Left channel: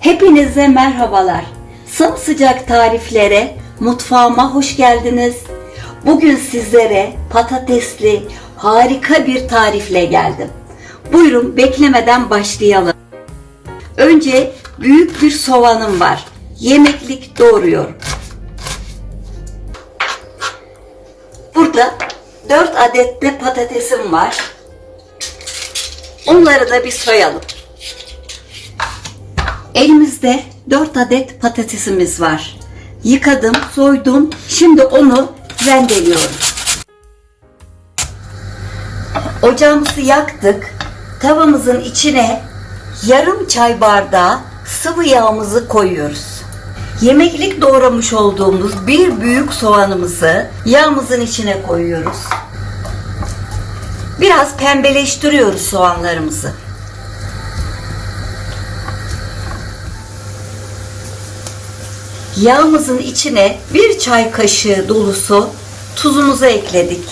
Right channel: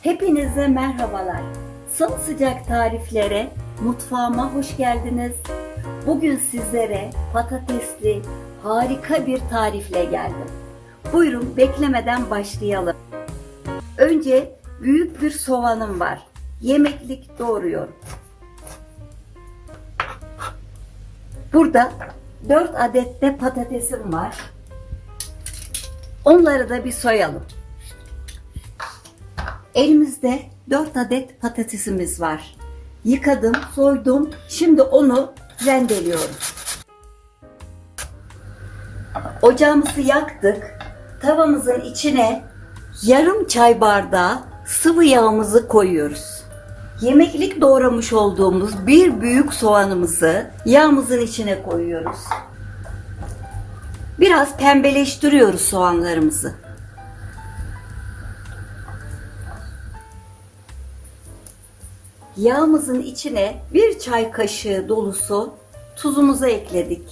Hepinize merhabalar. Sımsıcak tariflere, mutfağıma hoş geldiniz. Bugün sizlere patatesli harika bir tarifle geldim. Buyurun beklemeden başlayalım. Önce büyük bir soğanım var. Yemeklik doğruyorum. Burada 4 adet de patatesim var. Onları da bir soyalım. Elimizde 4 adet patatesimiz var. Yıkadım, soydum. Şimdi onu rendeliyorum. Ocağımızı yaktık. Tavamızın içine yarım çay bardağı sıvı yağımızı koyuyoruz. Yemeklik doğramış olduğumuz bir büyük soğanımızı yağımızın içine koyuyoruz. Biraz pembeleştiriyoruz soğanlarımızı. Yağımızın içine bir çay kaşığı dolusu tuzumuzu ekledik.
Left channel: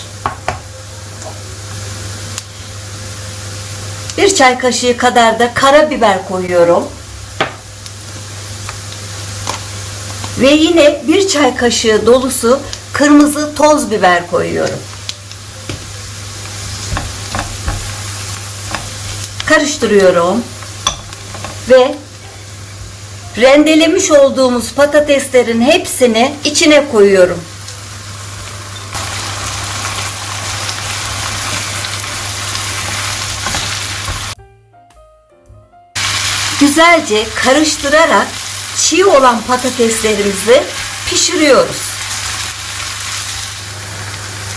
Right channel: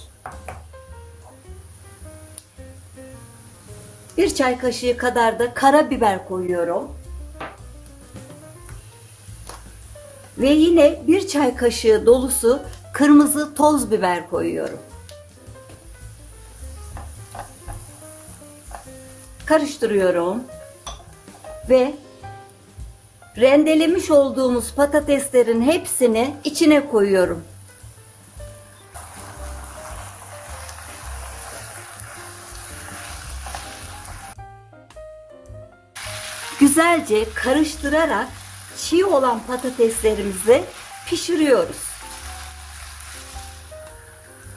Bir çay kaşığı kadar da karabiber koyuyorum. Ve yine bir çay kaşığı dolusu kırmızı toz biber koyuyorum. Karıştırıyorum. Ve rendelemiş olduğumuz patateslerin hepsini içine koyuyorum. Güzelce karıştırarak çiğ olan patateslerimizi pişiriyoruz.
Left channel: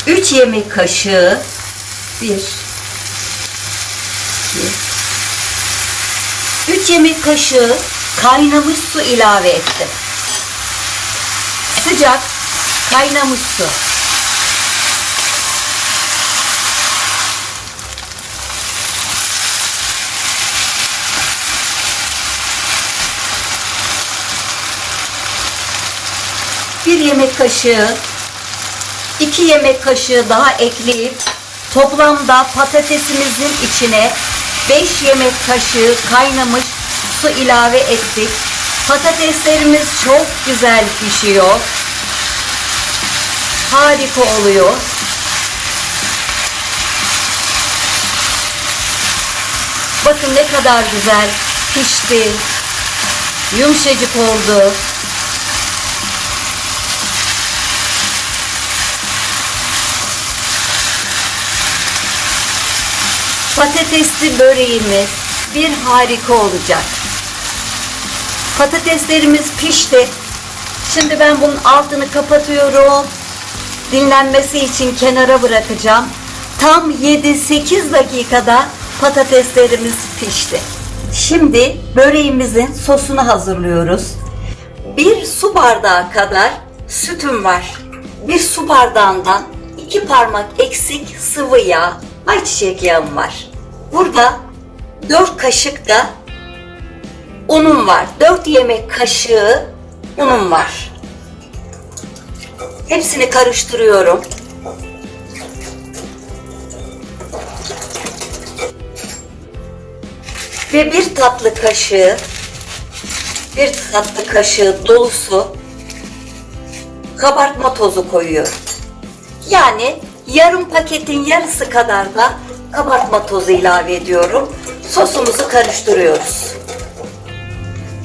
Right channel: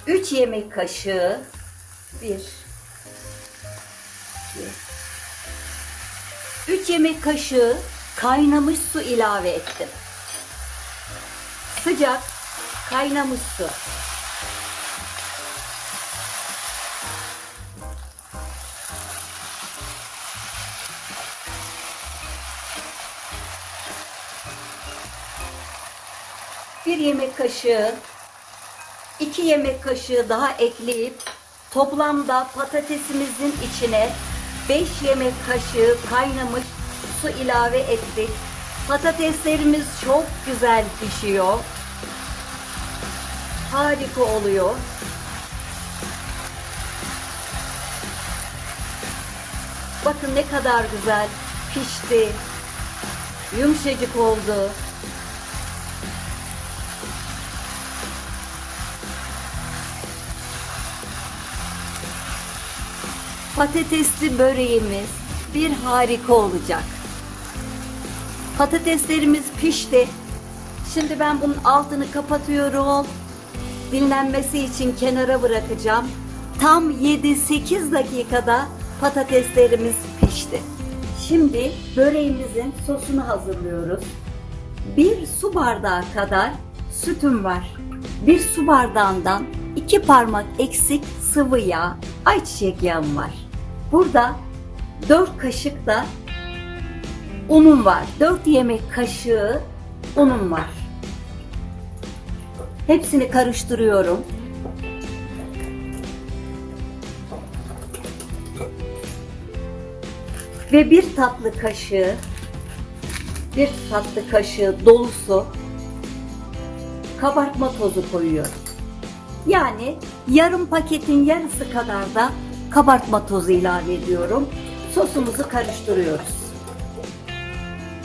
3 yemek kaşığı 1 3 yemek kaşığı kaynamış su ilave ettim. Sıcak kaynamış su. Bir yemek kaşığı, iki yemek kaşığı daha ekleyip toplamda patatesimizin içine 5 yemek kaşığı kaynamış su ilave ettik. Patateslerimiz çok güzel pişiyor. Harika oluyor. Bakın ne kadar güzel pişti. Yumuşacık oldu. Patatesli böreğimiz bir harika olacak. Patateslerimiz pişti. Şimdi ben bunun altını kapatıyorum. Dinlenmesi için kenara bırakacağım. Tam 7-8 dakikada patateslerimiz pişti. Şimdi böreğimizin sosunu hazırlıyoruz. Bir su bardağı kadar sütüm var. Bir su bardağından iki parmak eksik sıvı yağ, ayçiçek yağım var. Burada 4 kaşık da unum var. 4 yemek kaşığı unum var. Hepsini karıştırıyorum. Ve bir tatlı kaşığı bir tatlı kaşığı dolusu kabartma tozu koyuyorum. Yani yarım paketin yarısı kadar da kabartma tozu ilave ediyorum. Sosumuzu karıştırıyoruz.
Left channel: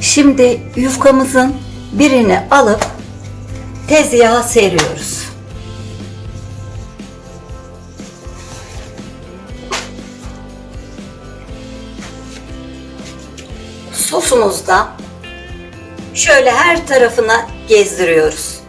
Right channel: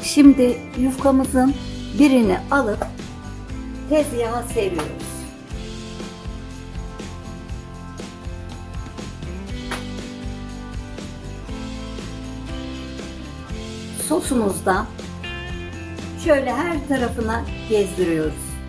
Şimdi yufkamızın birini alıp tezgaha seriyoruz. Sosumuzda şöyle her tarafına gezdiriyoruz.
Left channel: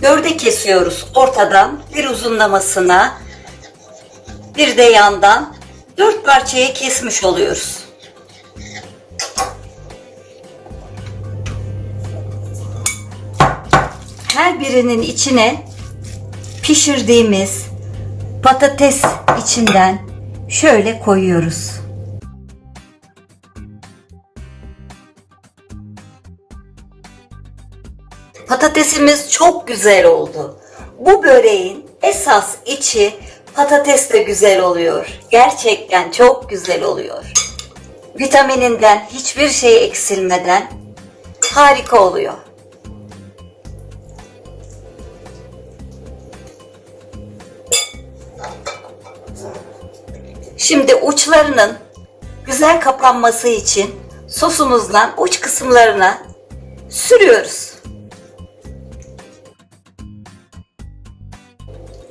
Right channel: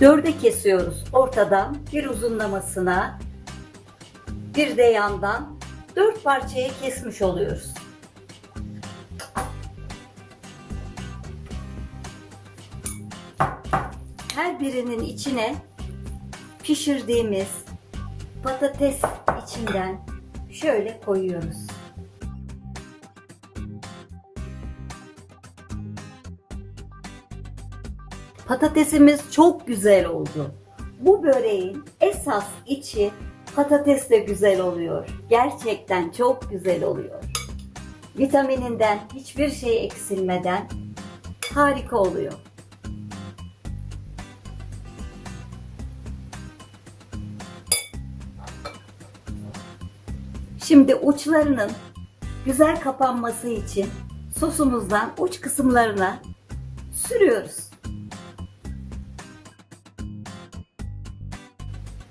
Dörde kesiyoruz ortadan bir uzunlamasına bir de yandan dört parçaya kesmiş oluyoruz. Her birinin içine pişirdiğimiz patates içinden şöyle koyuyoruz. Patatesimiz çok güzel oldu. Bu böreğin esas içi patatesle güzel oluyor. Gerçekten çok güzel oluyor. Vitamininden hiçbir şey eksilmeden harika oluyor. Şimdi uçlarının güzel kapanması için sosumuzdan uç kısımlarına sürüyoruz.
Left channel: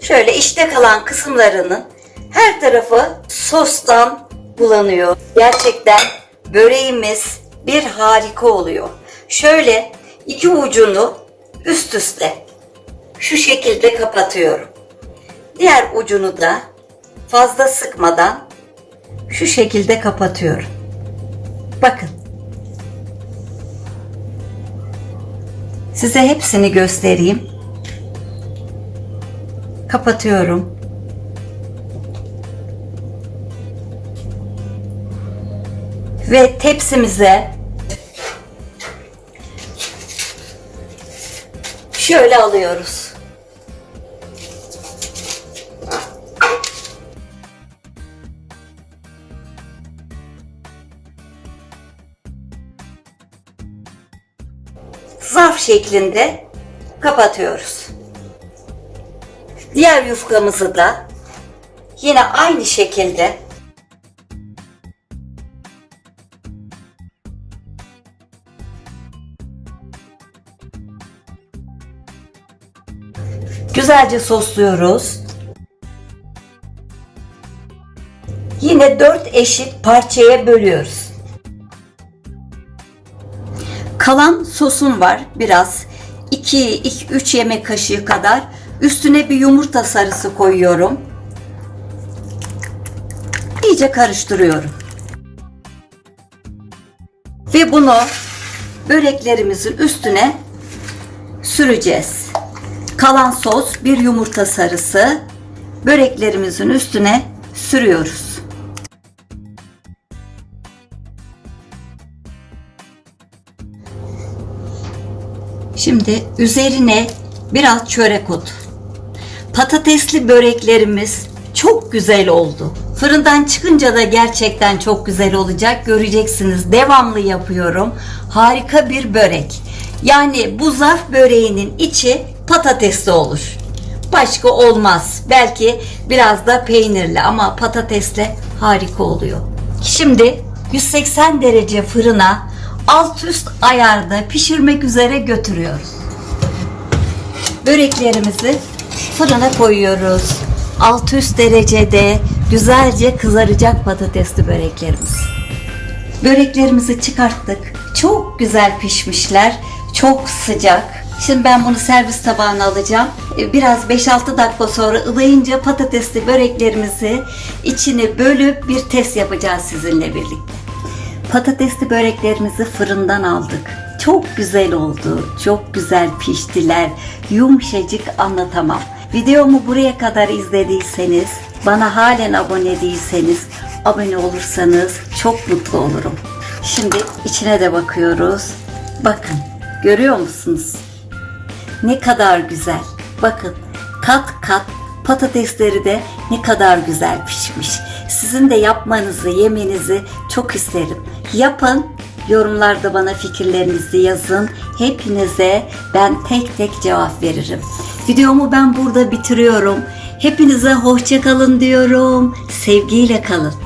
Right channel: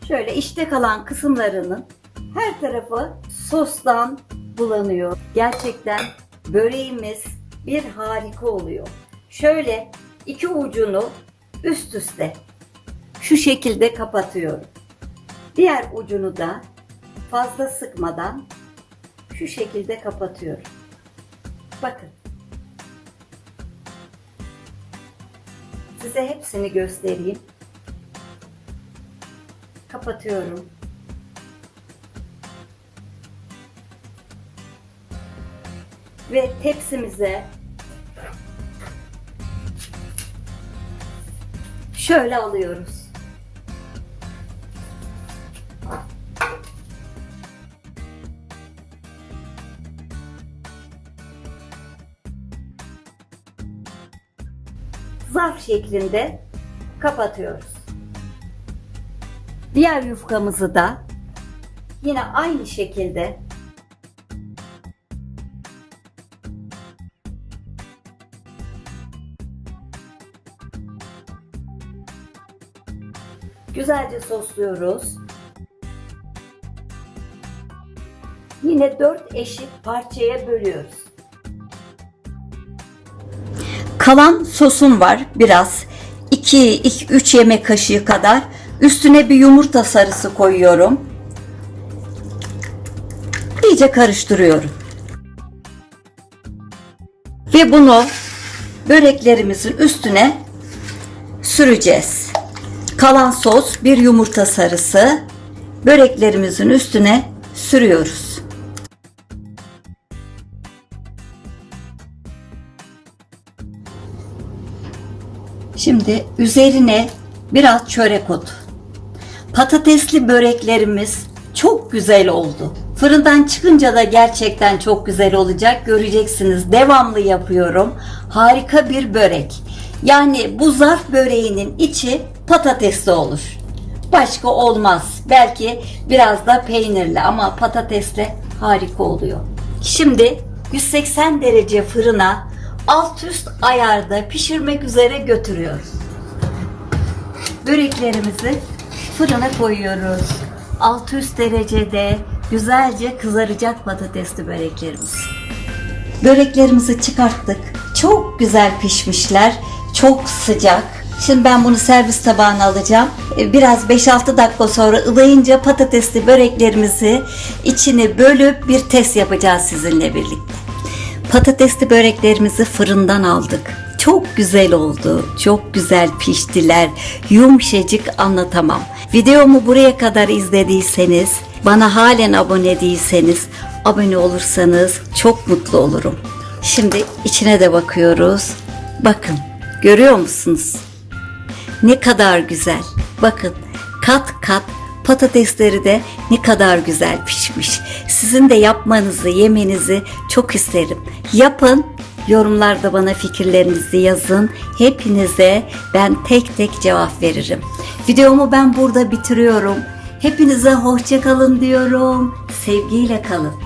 Şöyle içte kalan kısımlarının her tarafı sostan bulanıyor. Gerçekten böreğimiz bir harika oluyor. Şöyle iki ucunu üst üste şu şekilde kapatıyorum. Diğer ucunu da fazla sıkmadan şu şekilde kapatıyorum. Bakın. Size hepsini göstereyim. Kapatıyorum. Ve tepsimize şöyle alıyoruz. zarf şeklinde kapatıyoruz. Diğer yufkamızı da yine aynı şekilde güzelce sosluyoruz. Yine dört eşit parçaya bölüyoruz. Kalan sosum var biraz. 2-3 yemek kaşığı kadar. Üstüne bir yumurta sarısı koyuyorum. İyice karıştırıyorum. Ve bunu böreklerimizin üstüne süreceğiz. Kalan sos bir yumurta sarısı böreklerimizin üstüne sürüyoruz. Şimdi üzerine biraz çörek otu. Patatesli böreklerimiz çok güzel oldu. Fırından çıkınca da gerçekten çok güzel olacak. Göreceksiniz. Devamlı yapıyorum. Harika bir börek. Yani bu zarf böreğinin içi patatesli olur. Başka olmaz. Belki biraz da peynirli ama patatesle harika oluyor. Şimdi 180 derece fırına alt üst ayarda pişirmek üzere götürüyoruz. Böreklerimizi fırına koyuyoruz. Alt üst derecede güzelce kızaracak patatesli böreklerimiz. Böreklerimizi çıkarttık. Çok güzel pişmişler. Çok sıcak. Şimdi ben bunu servis tabağına alacağım. Ee, Biraz 5-6 dakika sonra ılayınca patatesli böreklerimizi içini bölüp bir test yapacağız sizinle birlikte. Patatesli böreklerimizi fırından aldık. Çok güzel oldu. Çok güzel piştiler. Yumuşacık anlatamam. Videomu buraya kadar izlediyseniz, bana halen abone değilseniz, abone olursanız çok mutlu olurum. Şimdi içine de bakıyoruz. Bakın, görüyor musunuz? Ne kadar güzel. Bakın, kat kat patatesleri de ne kadar güzel pişmiş. Sizin de yapmanızı, yemenizi çok isterim. Yapın, yorumlarda bana fikirlerinizi yazın. Hepinize ben tek tek cevap veririm. Videomu ben burada bitiriyorum. Hepinize hoşça kalın diyorum. Sevgiyle kalın.